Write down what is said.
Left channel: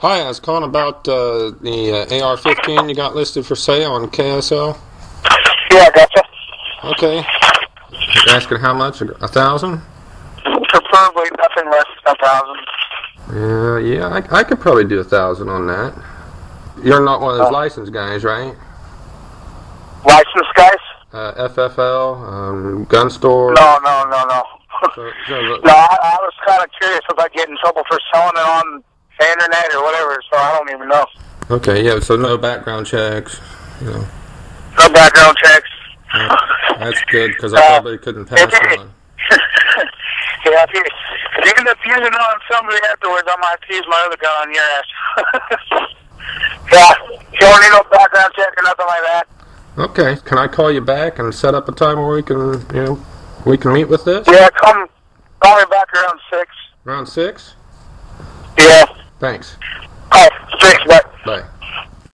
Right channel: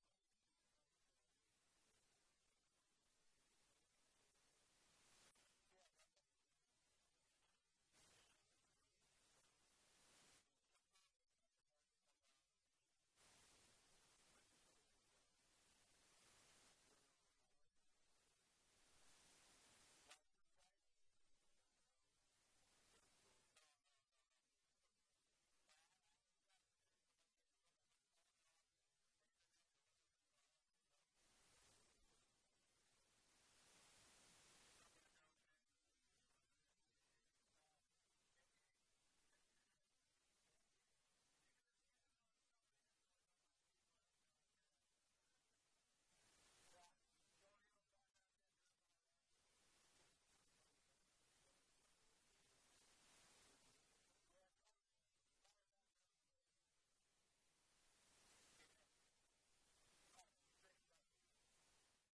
Hi, I was calling about the AR-15 you got listed for sale on KSL. Yeah, gotcha. Okay. You're asking how much? 1,000? Preferably nothing less than 1,000. Yeah, I could probably do 1,000 on that. You're not one of those licensed guys, right? Licensed guys? FFL, gun store. No. So, I was kind of curious if I get in trouble for selling it on the internet or whatever, so I don't even know. okay, yeah, so no background checks, you know. No background checks. Yeah, that's good, because I probably couldn't pass one. Yeah, if you end up using it on somebody afterwards, I might have to use my other gun on your ass. Yeah, you don't need no background check or nothing like that. Okay, can I call you back and set up a time where we can meet with this? Yeah, call me back around 6. Around 6? Yeah. Thanks. All right, 6, bye.